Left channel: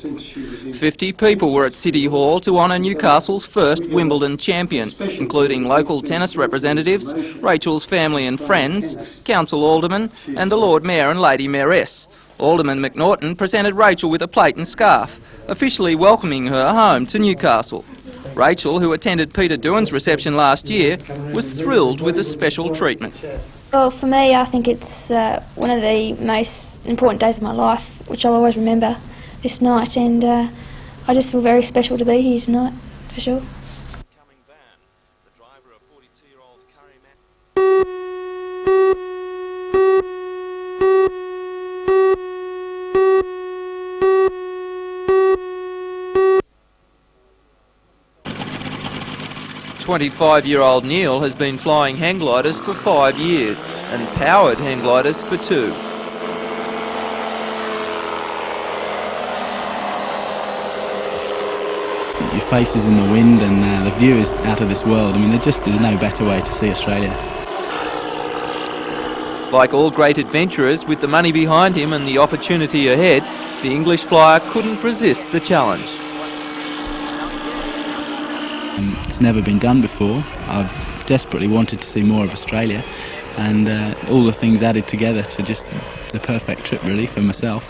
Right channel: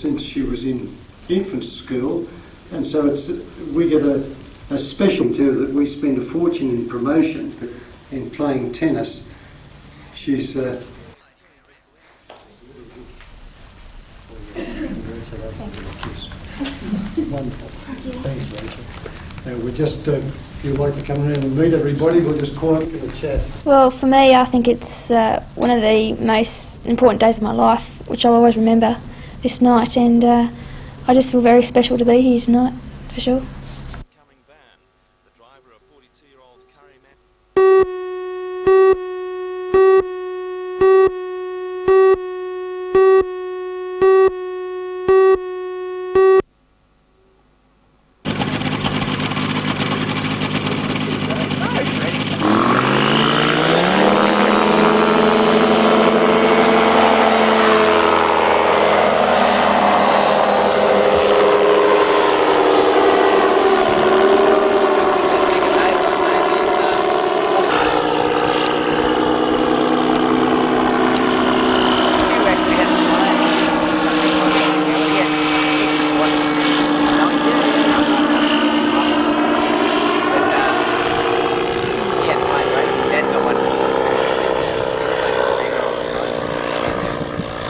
since she was in 50 people were at City Hall to honour Newcastle's first Wimbledon champion, including local tennis representatives, Rachel's family and friends, council aldermen and the Lord Mayor and Lady Mayoress. Alderman McNaughton presented Rachel with a plate and scarf, officially welcoming her home to Newcastle. Rachel, who attended Peter Doohan's reception last year, was thrilled with the special treatment. Well, for me, I think it's one of the most important days of my life, which I'll always remember this night, and I just feel very special to be here tonight, for sure. Five-year-old Neil has been flying hang gliders for 5 years. Howard hang gliders for 2. The faces in the wind and the view is out of this world. I mean, they're just an Abattoir to see Australia. Like all great adventurers, with the money behind him and the opportunity ahead, the English flyer couldn't resist the challenge. It's never been done before. I desperately wanted to see more of Australia, and all the things added together to just the perfect trip really for myself.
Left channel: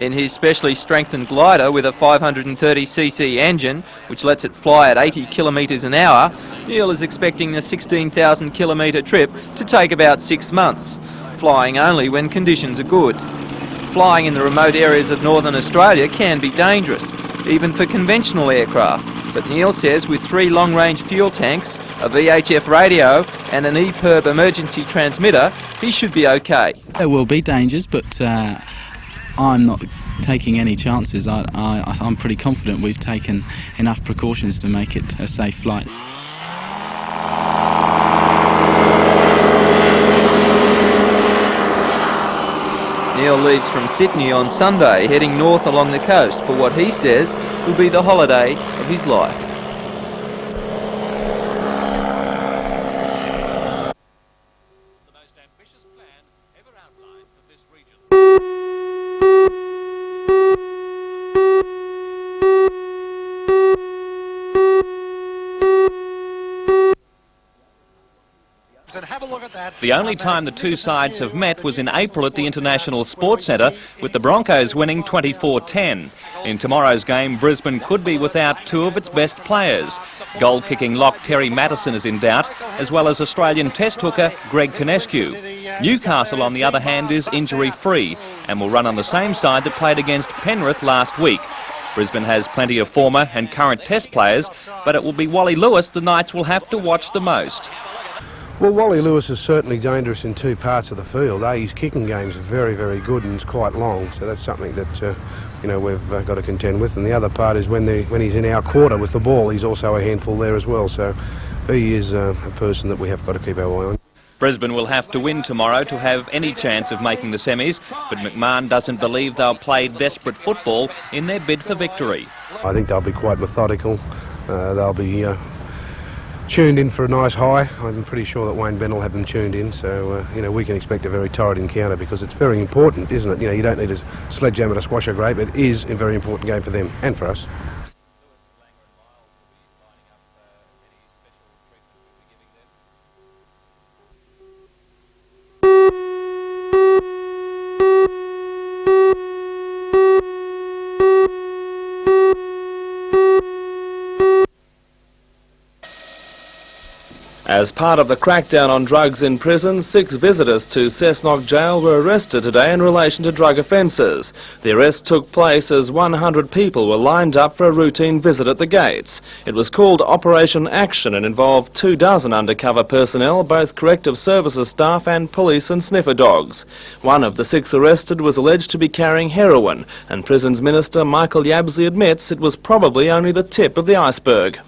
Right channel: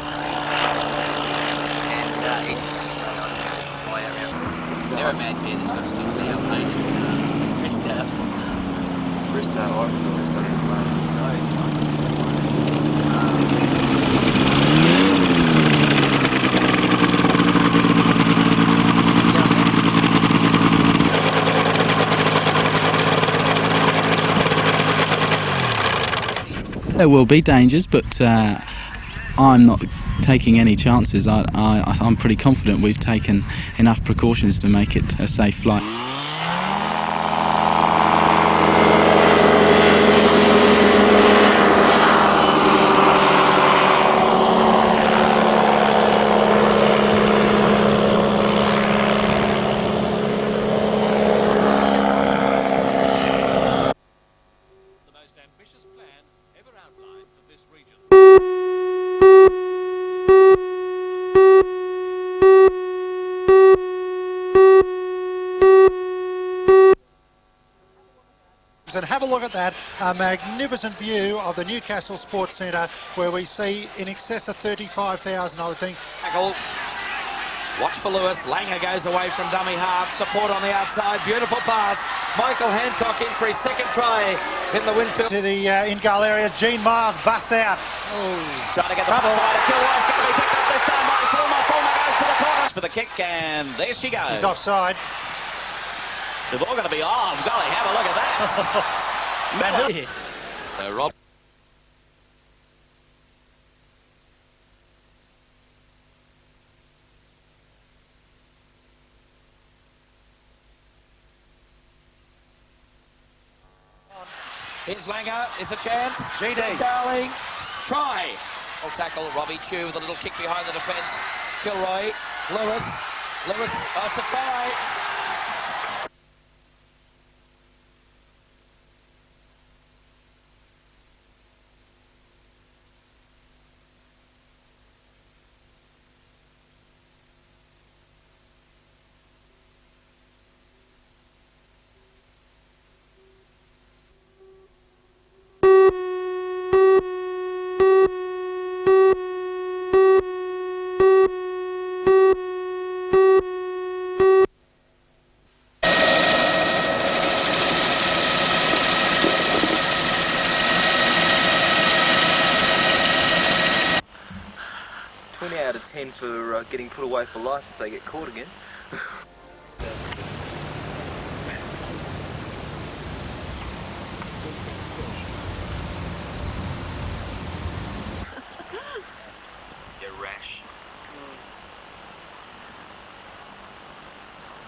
In his specially strengthened glider with a 530cc engine, which lets it fly at 80 kilometres an hour, Neil is expecting a 16,000 kilometre trip to take about 6 months, flying only when conditions are good. Flying in the remote areas of northern Australia can be dangerous, even for conventional aircraft. But Neil says with 3 long-range fuel tanks, a VHF radio and an EPIRB emergency transmitter, he should be okay. There will be dangers, but I'm not taking any chances. I'm pretty confident we've taken enough precautions to make it a safe flight. Sydney on Sunday, heading north along the coast for what he says will be the holiday of his life. The most ambitious plan ever outlined for this region. And have a look at that. The only time the two sides have met was in April at the International Sports Centre, with the Broncos winning 24-10. In tomorrow's game, Brisbane could be without 2 of its best players. Goal-kicking lock Terry Madison is in doubt, as well as Australian Test hooker Greg Conescu. Newcastle, on the other hand, is injury-free and will run on the same side that played against Penrith last week. Brisbane has plenty of former and current Test players, but it will be Wally Lewis the Knights will have to watch the most. Well, Wally Lewis is certainly dangerous in 2 parts of the field. His kicking game's very, very good and it's quite long, so that's something that we've got to contend with. And the other part is when he's in our quarter with the ball, he's also a handful there as well. So he is a person that we have got to keep our eye on. Brisbane will have to win tomorrow to have any chance of making the semis, but McMahon doesn't believe they'll play desperate football in their bid for victory. I think they'll be quite methodical. They'll be tuned in for a nice high. I'm pretty sure that Wayne Ben will have them tuned in, so we can expect a very torrid encounter because it's very important, isn't it? You don't need a sledgehammer to squash a grape. It is a very important game for them and for us. As part of the crackdown on drugs in prison, 6 visitors to Cessnock jail were arrested today in relation to drug offences. The arrest took place as 100 people were lined up for a routine visit at the gates. It was called Operation Action and involved 24 undercover personnel, both corrective services staff and police and sniffer dogs. One of the 6 arrested was alleged to be carrying heroin, and Prisons Minister Michael Yabsley admits it was probably only the tip of the iceberg.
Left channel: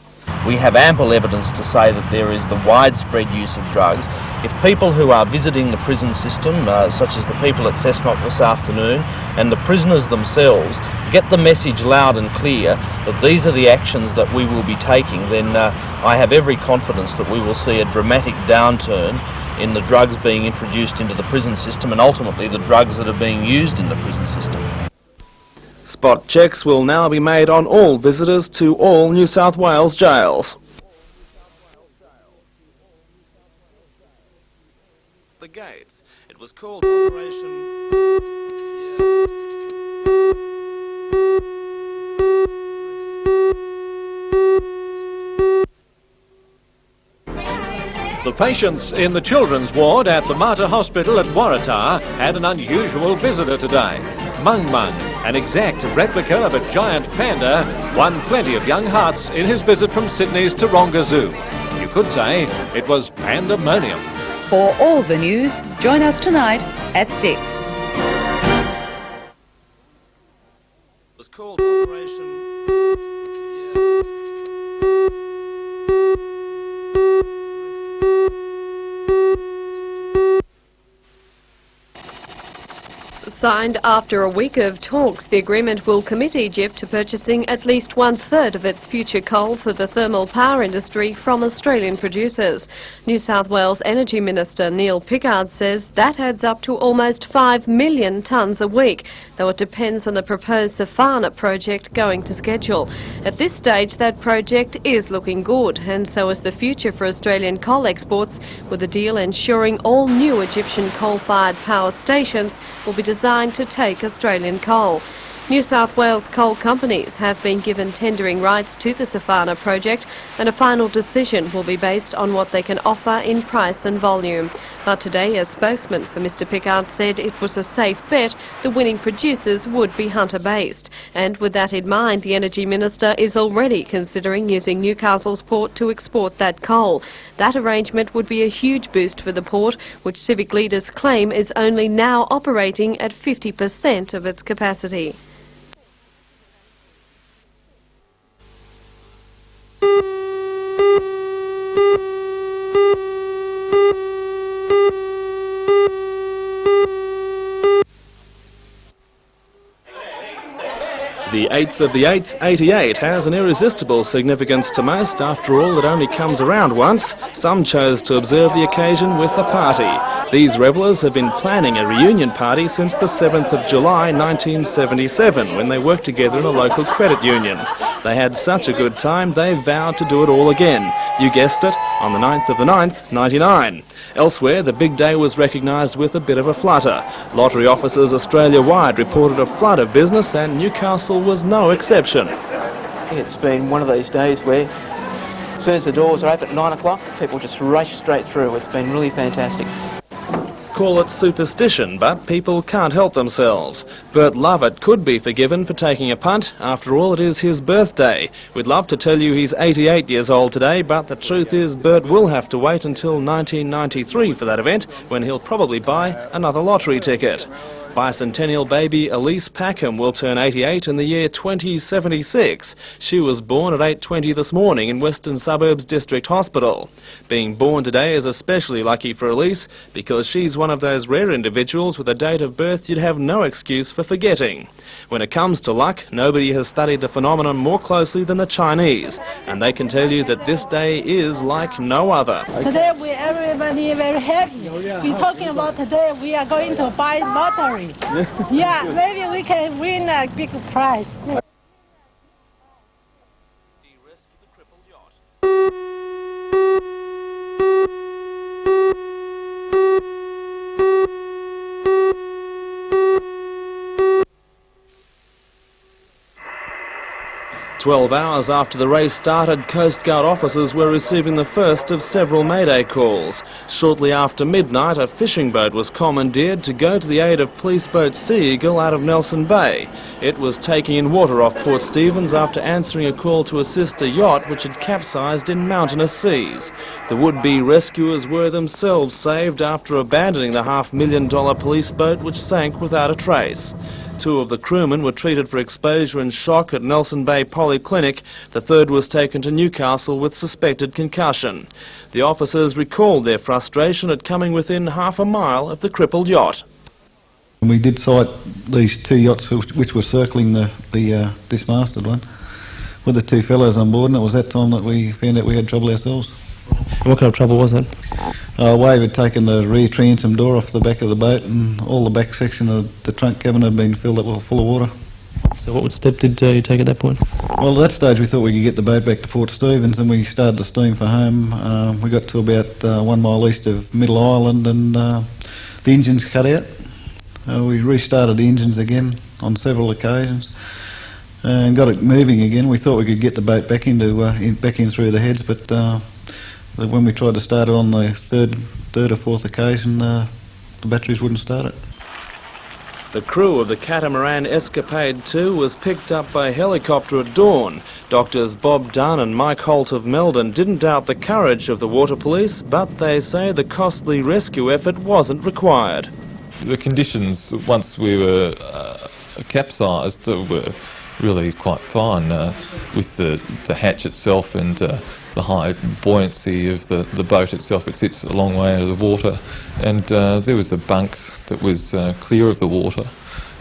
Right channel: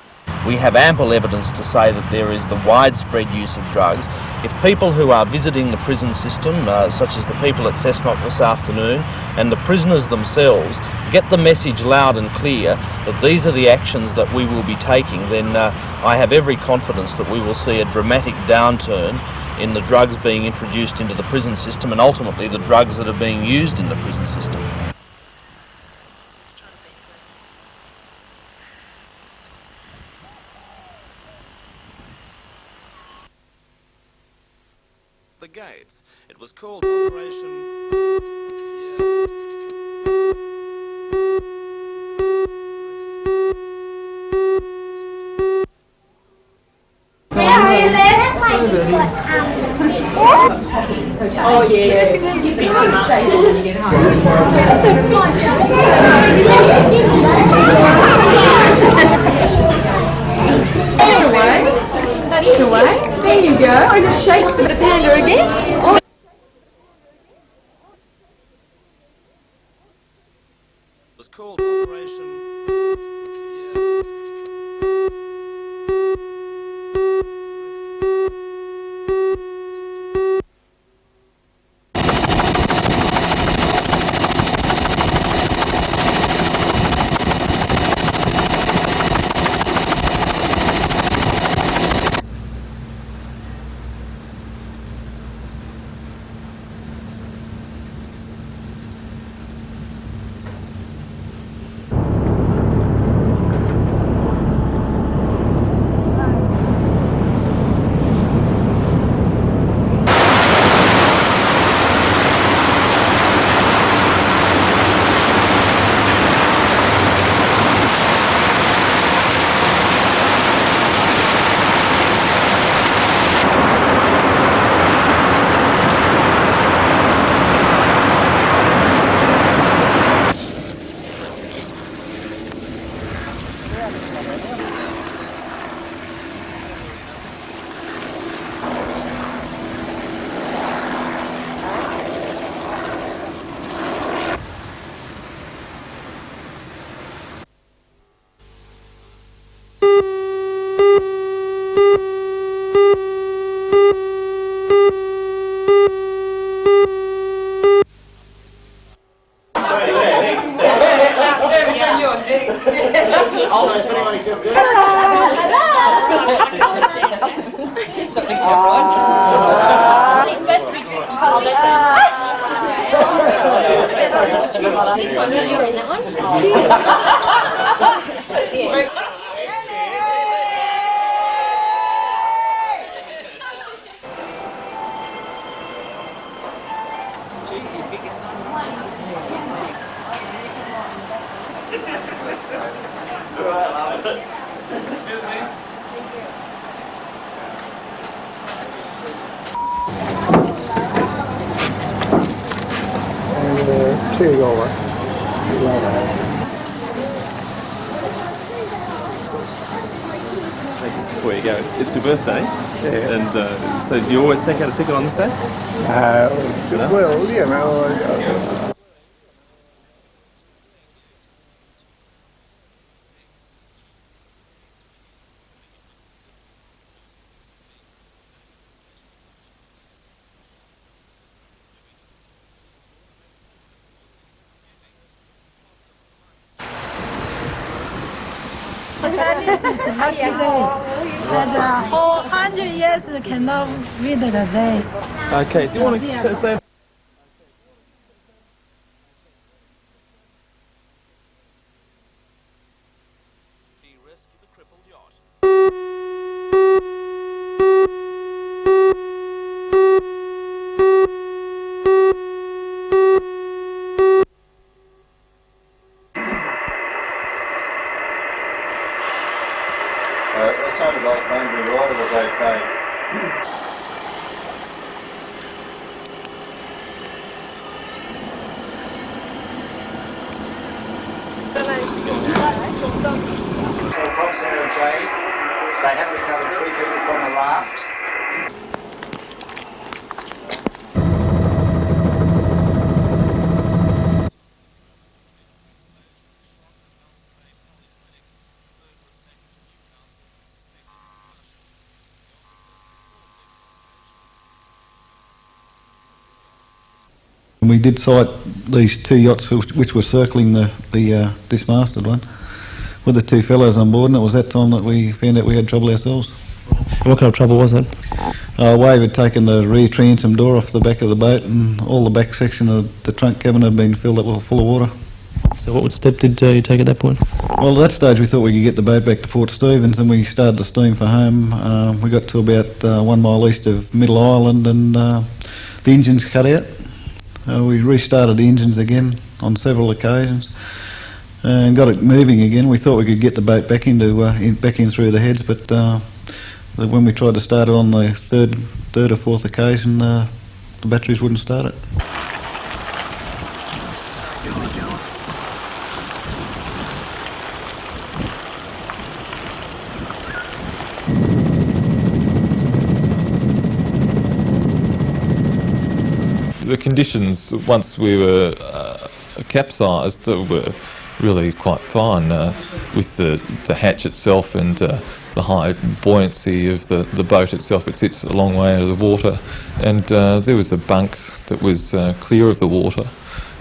We have ample evidence to say that there is the widespread use of drugs. If people who are visiting the prison system, such as the people at Cessnock this afternoon, and the prisoners themselves, get the message loud and clear that these are the actions that we will be taking, then I have every confidence that we will see a dramatic downturn in the drugs being introduced into the prison system and ultimately the drugs that are being used in the prison system. Spot checks will now be made on all visitors to all New South Wales jails. The gates. It was called Operation... Patients in the children's ward at the Mater Hospital at Waratah had an unusual visitor today. An exec in his visit from Sydney's to Broncos. You could say it was... There you go, I just shake the panda again. Join us tonight at 6. It was called Operation... Signed after a week of talks, the agreement will commit Egypt to purchasing at least 1/3 of its future coal for the thermal power industry from Australian producers. New South Wales Energy Minister Neil Pickard says that adds up to almost 5 million tonnes a week, though it depends on the proposed Safana project going to schedule. At this stage, that project is looking good, and so is the future for Australian coal exports, with the deal ensuring all new coal-fired power stations designed to take Australian coal. New South Wales coal companies have been given tendering rights to the Safana project, and the final decision will be based on what they can offer in price and volume. But today, a spokesman for Mr Pickard said it was a safe bet the willing producers would be Hunter-based. And with that in mind, the Energy Minister is already considering using Newcastle's port to export that coal. That arrangement would be a huge boost for the port, which civic leaders claim is only now operating at 50% of its capacity. The 8th 88 has an irresistible significance to most. After all, it only comes around once. Some chose to observe the occasion with a party. These revellers have been planning a reunion party since the 7th of July 1977, when they worked together in a local credit union. They had such a good time, they vowed to do it all again. You guessed it, on the 9th of the 9th, 99. Elsewhere, the big day was recognised with a bit of a flutter. Lottery officers Australia-wide reported a flood of business, and Newcastle was no exception. It's been one of those days where as soon as the doors are open at 9 o'clock, people just rush straight through. It's been really fantastic. Call it superstition, but people can't help themselves. Bert Lovett could be forgiven for taking a punt. After all, it is his birthday. We'd love to tell you he's 88 years old today, but the truth is Bert will have to wait until 1993 for that event, when he'll probably buy another lottery ticket. Bicentennial baby Elise Packham will turn 88 in the year 2076. She was born at 8:20 this morning in Western Suburbs District Hospital. Being born today is especially lucky for Elise, because she's one of those rare individuals with a date of birth you'd have no excuse for forgetting. When it comes to luck, nobody has studied the phenomenon more closely than the Chinese, and they can tell you that this day is like no other. Okay, do you want to we are going to buy lottery. Yeah, maybe we can win a big prize. Rescue the crippled yacht. 12 hours after the race started, Coast Guard officers were receiving the first of several mayday calls. Shortly after midnight, a fishing boat was commandeered to go to the aid of police boat Sea Eagle out of Nelson Bay. It was taking in water off Port Stephens after answering a call to assist a yacht which had capsized in mountainous seas. The would-be rescuers were themselves saved after abandoning the $500,000 police boat which sank without a trace. 2 of the crewmen were treated for exposure and shock at Nelson Bay Polyclinic. The third was taken to Newcastle with suspected concussion. The officers recalled their frustration at coming within half a mile of the crippled yacht. We did sight these 2 yachts which were circling the dismasted one with the 2 fellows on board, and it was that time that we found out we had trouble ourselves. What kind of trouble was it? Wave had taken the rear transom door off the back of the boat, and all the back section of the trunk cabin had been filled up full of water. So So what step did you take at that point? Well, at that stage we thought we could get the boat back to Port Stephens, and we started to steam for home. We got to about 1 mile east of Middle Island, and the engines cut out. We restarted the engines again on several occasions and got it moving again. We thought we could get the boat back in through the heads, but when we tried to start it on the third or fourth occasion, the batteries wouldn't start it. The crew of the Catamaran Escapade 2 was picked up by helicopter at dawn. Doctors Bob Dunn and Mike Holt of Melbourne didn't doubt the courage of the water police, but they say the costly rescue effort wasn't required. The conditions, once we were capsized, were really quite fine with the hatch itself and the high buoyancy of the boat itself. It sits a long way out of the water, and there was a bunk that was clear of the water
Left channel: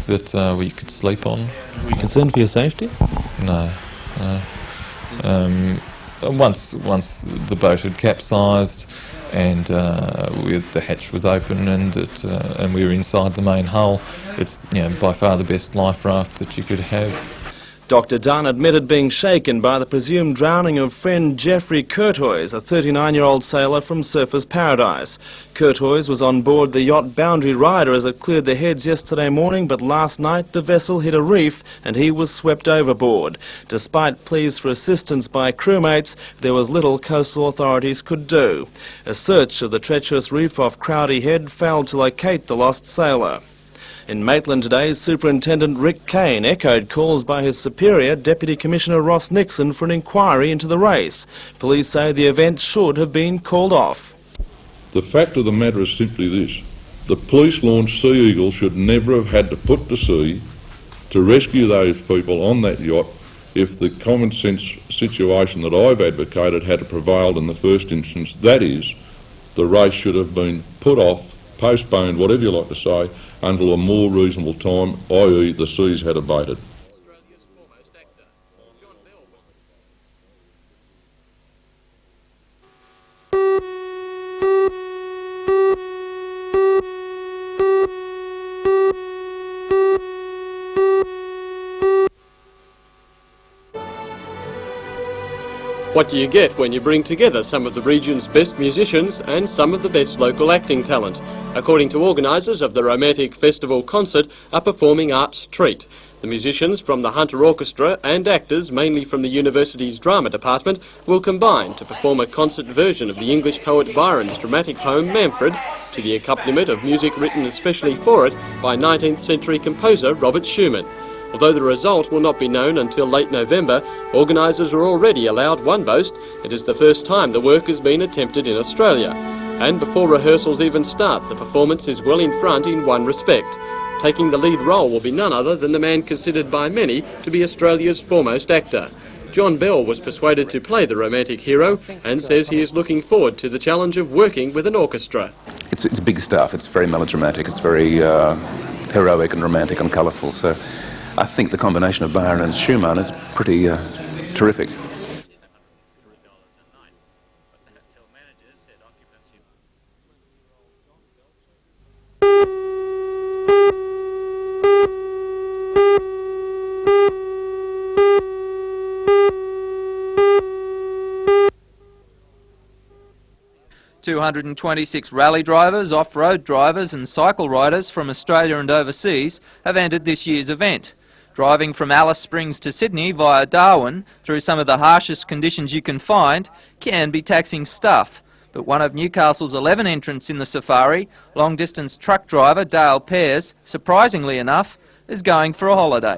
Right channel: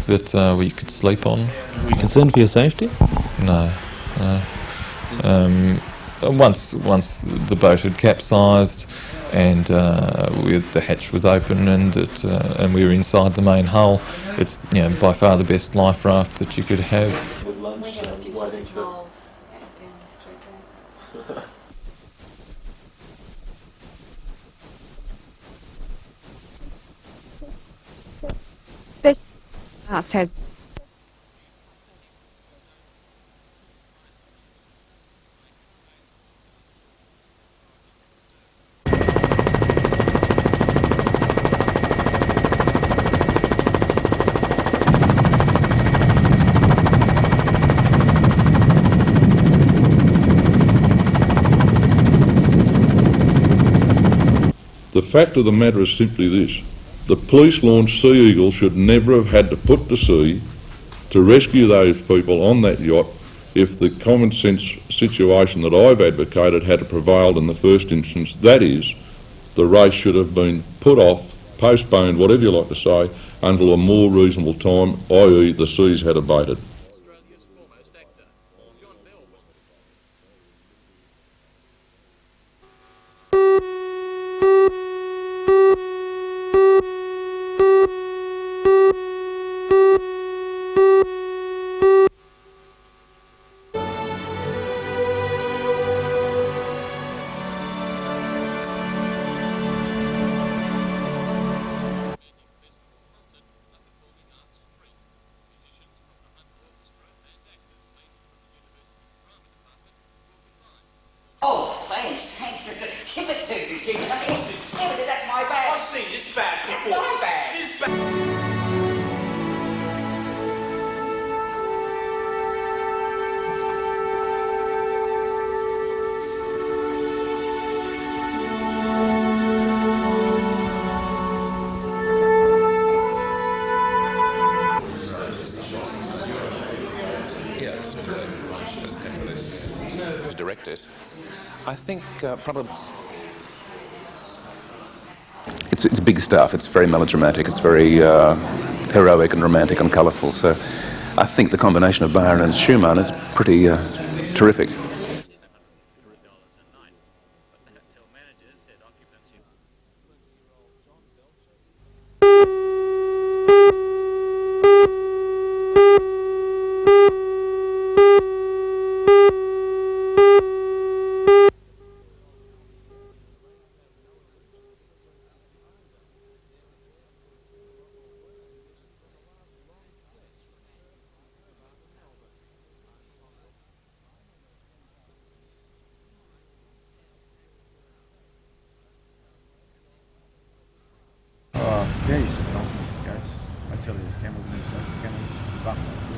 that we could sleep on. Were you concerned for your safety? No. Once the boat had capsized and the hatch was open and we were inside the main hull, it's by far the best life raft that you could have. Dr Dunn admitted being shaken by the presumed drowning of friend Geoffrey Curtois, a 39-year-old sailor from Surfers Paradise. Curtois was on board the yacht Boundary Rider as it cleared the heads yesterday morning, but last night the vessel hit a reef and he was swept overboard. Despite pleas for assistance by crewmates, there was little coastal authorities could do. A search of the treacherous reef off Crowdy Head failed to locate the lost sailor. In Maitland today, Superintendent Rick Kane echoed calls by his superior, Deputy Commissioner Ross Nixon, for an inquiry into the race. Police say the event should have been called off. The fact of the matter is simply this. The police-launched Sea Eagle should never have had to put to sea to rescue those people on that yacht if the common sense situation that I've advocated had prevailed in the first instance. That is, the race should have been put off, postponed, whatever you like to say, until a more reasonable time, i.e. the seas had abated. What do you get when you bring together some of the region's best musicians and some of the best local acting talent? According to organisers of the Romantic Festival concert are performing arts treat. The musicians from the Hunter Orchestra and actors, mainly from the university's drama department, will combine to perform a concert version of the English poet Byron's dramatic poem Manfred to the accompaniment of music written especially for it by 19th century composer Robert Schumann. Although the result will not be known until late November, organisers are already allowed one boast. It is the first time the work has been attempted in Australia. And before rehearsals even start, the performance is well in front in one respect. Taking the lead role will be none other than the man considered by many to be Australia's foremost actor. John Bell was persuaded to play the romantic hero and says he is looking forward to the challenge of working with an orchestra. It's big stuff. It's very melodramatic. It's very heroic and romantic and colourful. So I think the combination of Byron and Schumann is pretty terrific. .226 rally drivers, off-road drivers and cycle riders from Australia and overseas have entered this year's event. Driving from Alice Springs to Sydney via Darwin through some of the harshest conditions you can find can be taxing stuff. But one of Newcastle's 11 entrants in the safari, long-distance truck driver Dale Pears, surprisingly enough, is going for a holiday.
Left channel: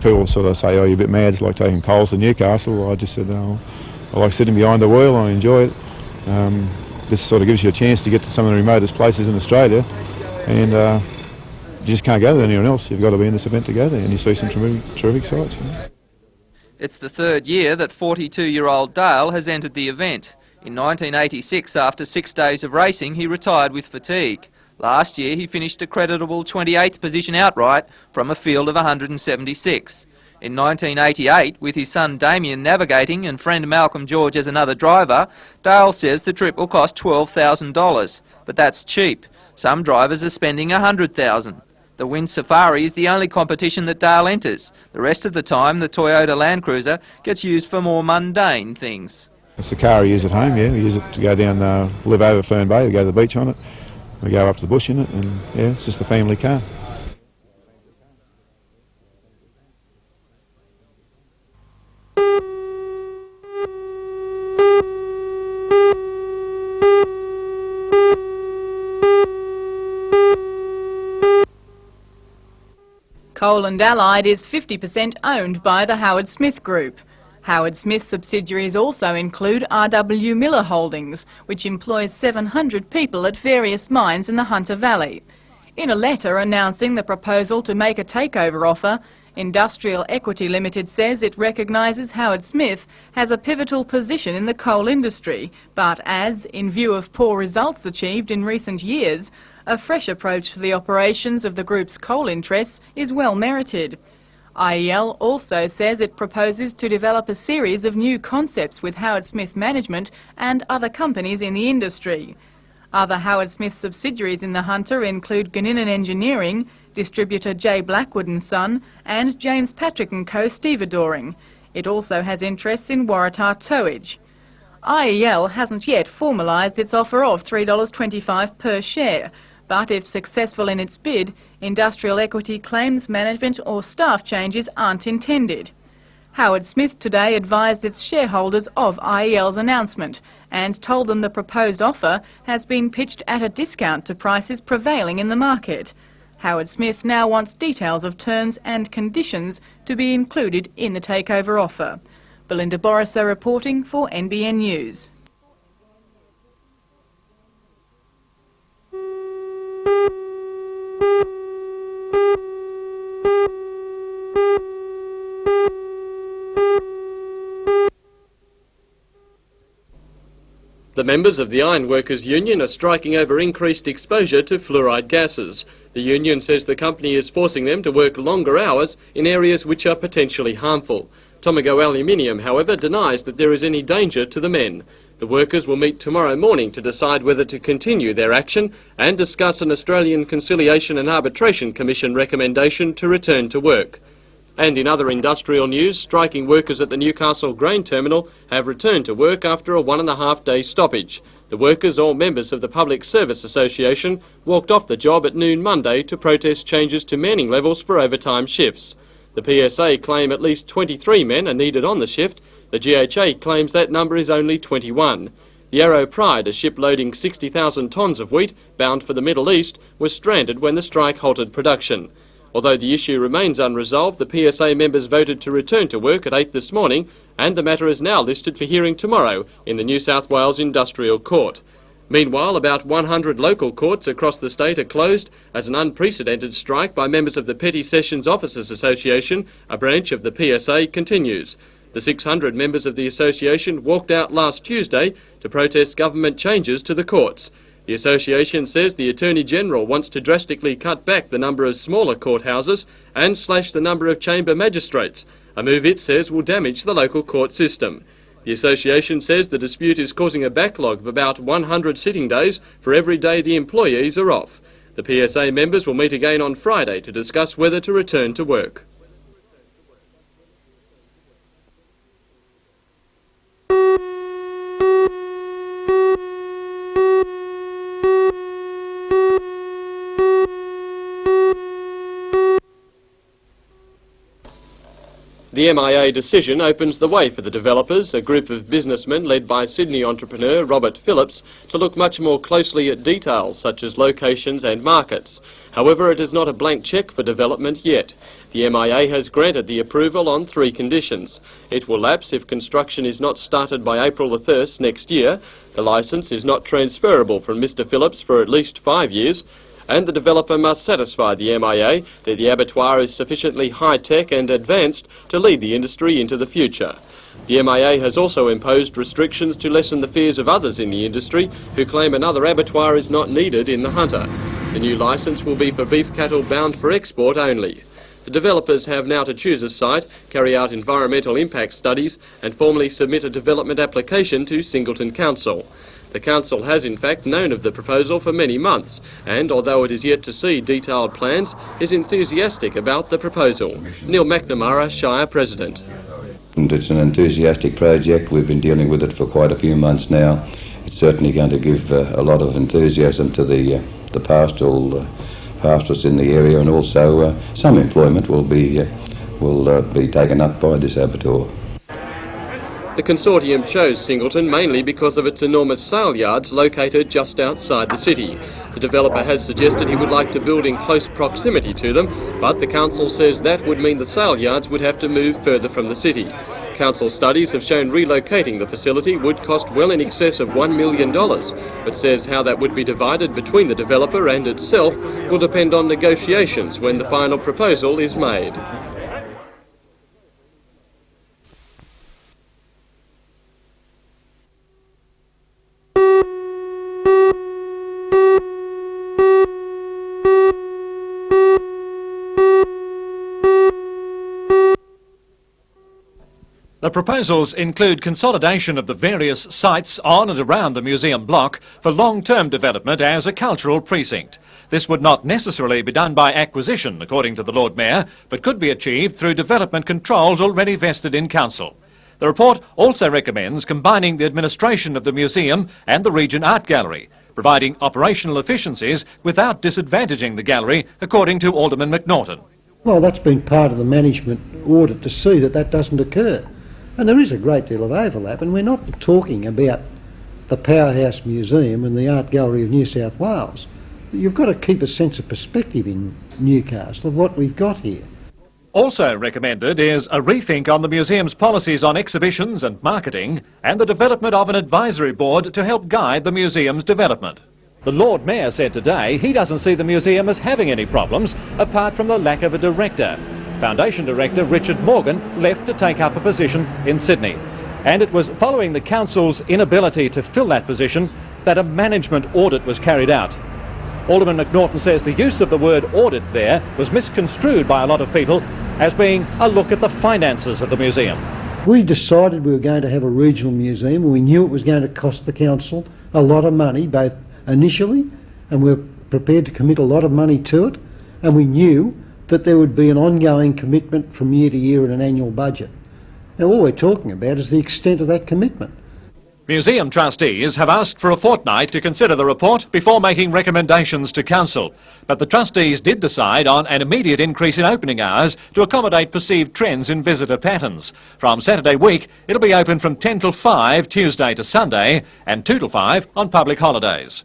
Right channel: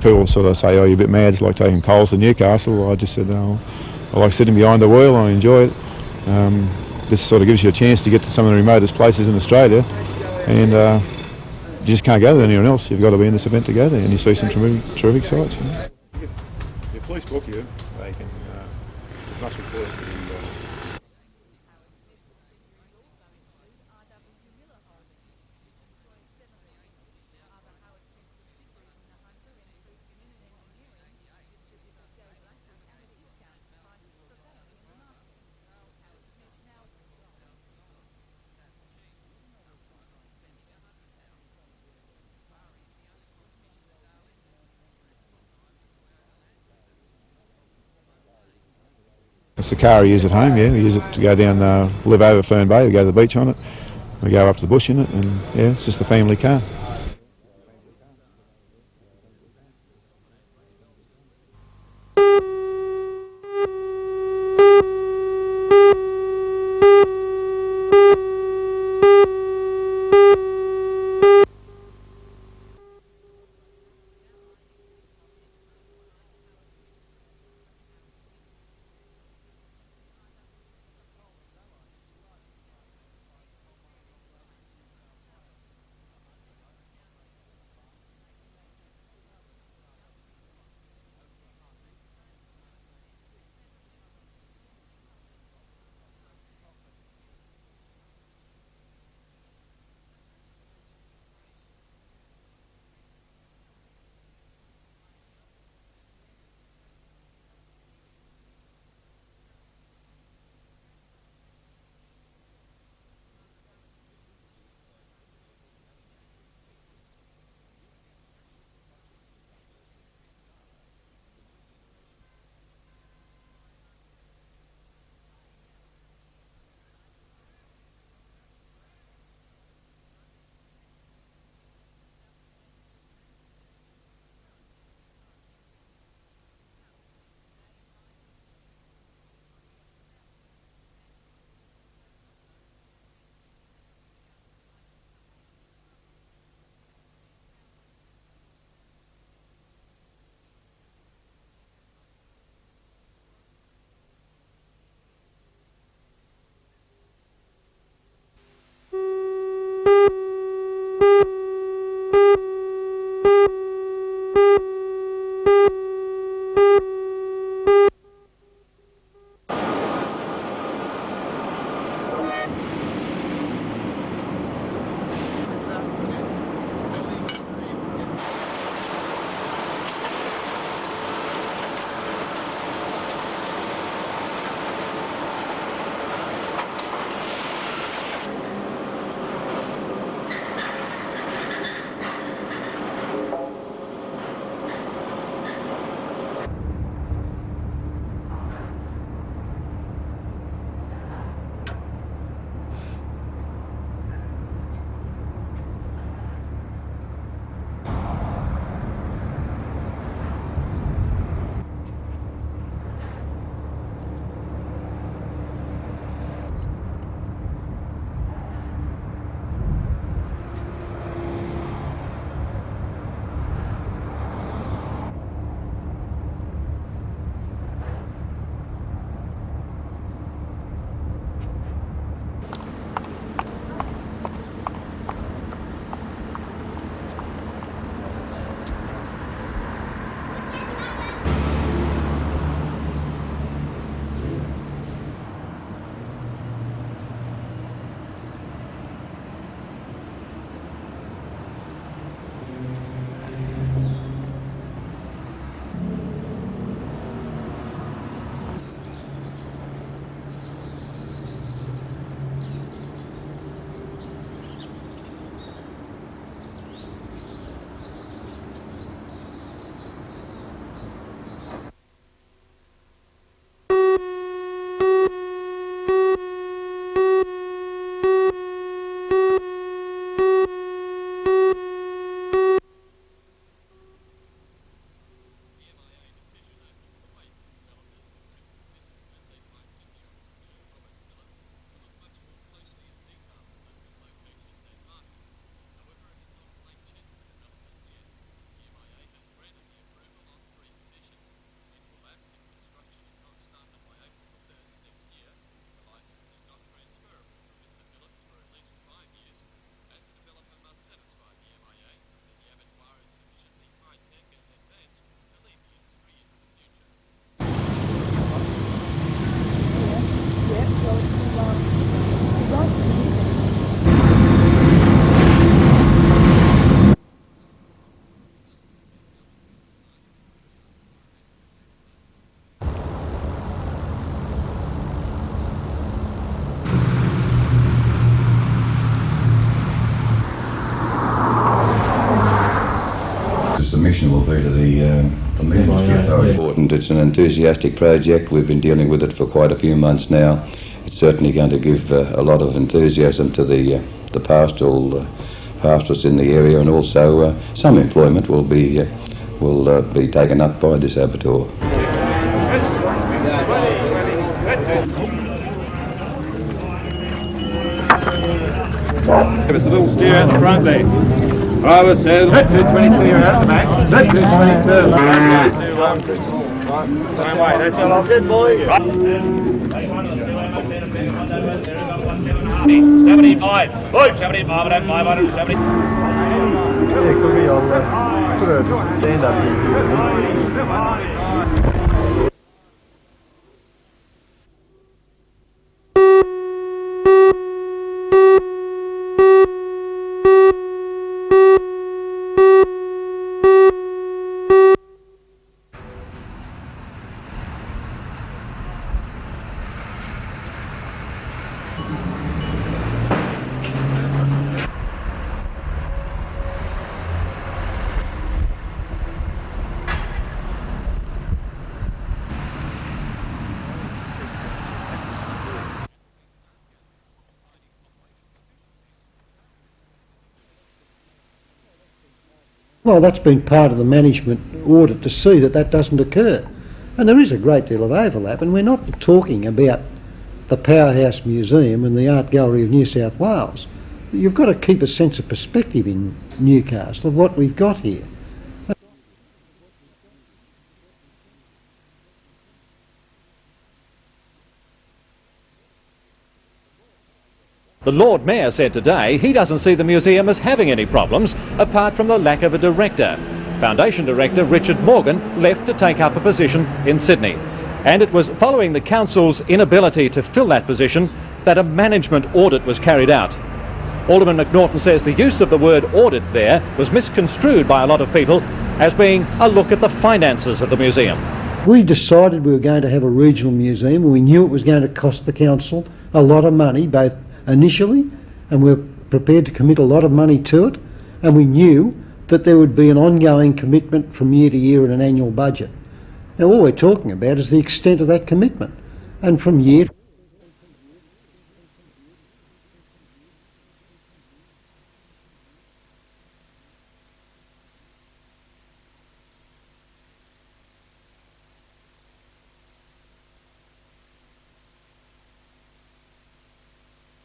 People sort of say, oh, you're a bit mad, it's like taking coals to Newcastle. I just said, no, I like sitting behind the wheel, I enjoy it. This sort of gives you a chance to get to some of the remotest places in Australia, and you just can't go there anywhere else. You've got to be in this event to go there, and you see some terrific sights. You know. It's the third year that 42-year-old Dale has entered the event. In 1986, after 6 days of racing, he retired with fatigue. Last year, he finished a creditable 28th position outright from a field of 176. In 1988, with his son Damien navigating and friend Malcolm George as another driver, Dale says the trip will cost $12,000. But that's cheap. Some drivers are spending $100,000. The Wynn Safari is the only competition that Dale enters. The rest of the time, the Toyota Land Cruiser gets used for more mundane things. It's the car we use at home, yeah. We use it to go down, live over Fern Bay, we go to the beach on it, we go up to the bush in it, and yeah, it's just a family car. Coal and Allied is 50% owned by the Howard Smith Group. Howard Smith subsidiaries also include R.W. Miller Holdings, which employs 700 people at various mines in the Hunter Valley. In a letter announcing the proposal to make a takeover offer, Industrial Equity Limited says it recognises Howard Smith has a pivotal position in the coal industry, but adds, in view of poor results achieved in recent years, a fresh approach to the operations of the group's coal interests is well merited. IEL also says it proposes to develop a series of new concepts with Howard Smith Management and other companies in the industry. Other Howard Smith subsidiaries in the Hunter include Gunninan Engineering, distributor J. Blackwood & Son, and James Patrick & Co. stevedoring. It also has interests in Waratah Towage. IEL hasn't yet formalised its offer of $3.25 per share, but if successful in its bid, Industrial Equity claims management or staff changes aren't intended. Howard Smith today advised its shareholders of IEL's announcement and told them the proposed offer has been pitched at a discount to prices prevailing in the market. Howard Smith now wants details of terms and conditions to be included in the takeover offer. Belinda Borisser reporting for NBN News. The members of the Ironworkers Union are striking over increased exposure to fluoride gases. The union says the company is forcing them to work longer hours in areas which are potentially harmful. Tomago Aluminium, however, denies that there is any danger to the men. The workers will meet tomorrow morning to decide whether to continue their action and discuss an Australian Conciliation and Arbitration Commission recommendation to return to work. And in other industrial news, striking workers at the Newcastle grain terminal have returned to work after a 1.5-day stoppage. The workers, all members of the Public Service Association, walked off the job at noon Monday to protest changes to manning levels for overtime shifts. The PSA claim at least 23 men are needed on the shift. The GHA claims that number is only 21. The Yarrow Pride, a ship loading 60,000 tonnes of wheat bound for the Middle East, was stranded when the strike halted production. Although the issue remains unresolved, the PSA members voted to return to work at 8 this morning, and the matter is now listed for hearing tomorrow in the New South Wales Industrial Court. Meanwhile, about 100 local courts across the state are closed as an unprecedented strike by members of the Petty Sessions Officers Association, a branch of the PSA, continues. The 600 members of the association walked out last Tuesday to protest government changes to the courts. The association says the Attorney-General wants to drastically cut back the number of smaller courthouses and slash the number of chamber magistrates, a move it says will damage the local court system. The association says the dispute is causing a backlog of about 100 sitting days for every day the employees are off. The PSA members will meet again on Friday to discuss whether to return to work. The MIA decision opens the way for the developers, a group of businessmen led by Sydney entrepreneur Robert Phillips, to look much more closely at details such as locations and markets. However, it is not a blank cheque for development yet. The MIA has granted the approval on 3 conditions. It will lapse if construction is not started by April the 1st next year, the licence is not transferable from Mr Phillips for at least 5 years, and the developer must satisfy the MIA that the abattoir is sufficiently high-tech and advanced to lead the industry into the future. The MIA has also imposed restrictions to lessen the fears of others in the industry who claim another abattoir is not needed in the Hunter. The new licence will be for beef cattle bound for export only. The developers have now to choose a site, carry out environmental impact studies and formally submit a development application to Singleton Council. The council has in fact known of the proposal for many months, and although it is yet to see detailed plans, is enthusiastic about the proposal. Neil McNamara, Shire President. It's an enthusiastic project. We've been dealing with it for quite a few months now. It's certainly going to give a lot of enthusiasm to the pastoralists in the area, and also some employment will be taken up by this abattoir. The consortium chose Singleton mainly because of its enormous sale yards located just outside the city. The developer has suggested he would like to build in close proximity to them, but the council says that would mean the sale yards would have to move further from the city. Council studies have shown relocating the facility would cost well in excess of $1 million, but says how that would be divided between the developer and itself will depend on negotiations when the final proposal is made. The proposals include consolidation of the various sites on and around the museum block for long-term development as a cultural precinct. This would not necessarily be done by acquisition, according to the Lord Mayor, but could be achieved through development controls already vested in council. The report also recommends combining the administration of the museum and the Region Art Gallery, providing operational efficiencies without disadvantaging the gallery, according to Alderman McNaughton. Well, that's been part of the management audit to see that that doesn't occur. And there is a great deal of overlap, and we're not talking about the Powerhouse Museum and the Art Gallery of New South Wales. You've got to keep a sense of perspective in Newcastle of what we've got here. Also recommended is a rethink on the museum's policies on exhibitions and marketing, and the development of an advisory board to help guide the museum's development. The Lord Mayor said today he doesn't see the museum as having any problems, apart from the lack of a director. Foundation Director Richard Morgan left to take up a position in Sydney. And it was following the council's inability to fill that position that a management audit was carried out. Alderman McNaughton says the use of the word audit there was misconstrued by a lot of people as being a look at the finances of the museum. We decided we were going to have a regional museum, and we knew it was going to cost the council a lot of money, both initially, and we were prepared to commit a lot of money to it, and we knew that there would be an ongoing commitment from year to year in an annual budget. Now all we're talking about is the extent of that commitment. And from Museum trustees have asked for a fortnight to consider the report before making recommendations to council. But the trustees did decide on an immediate increase in opening hours to accommodate perceived trends in visitor patterns. From Saturday week, it'll be open from 10 till 5 Tuesday to Sunday and 2 till 5 on public holidays.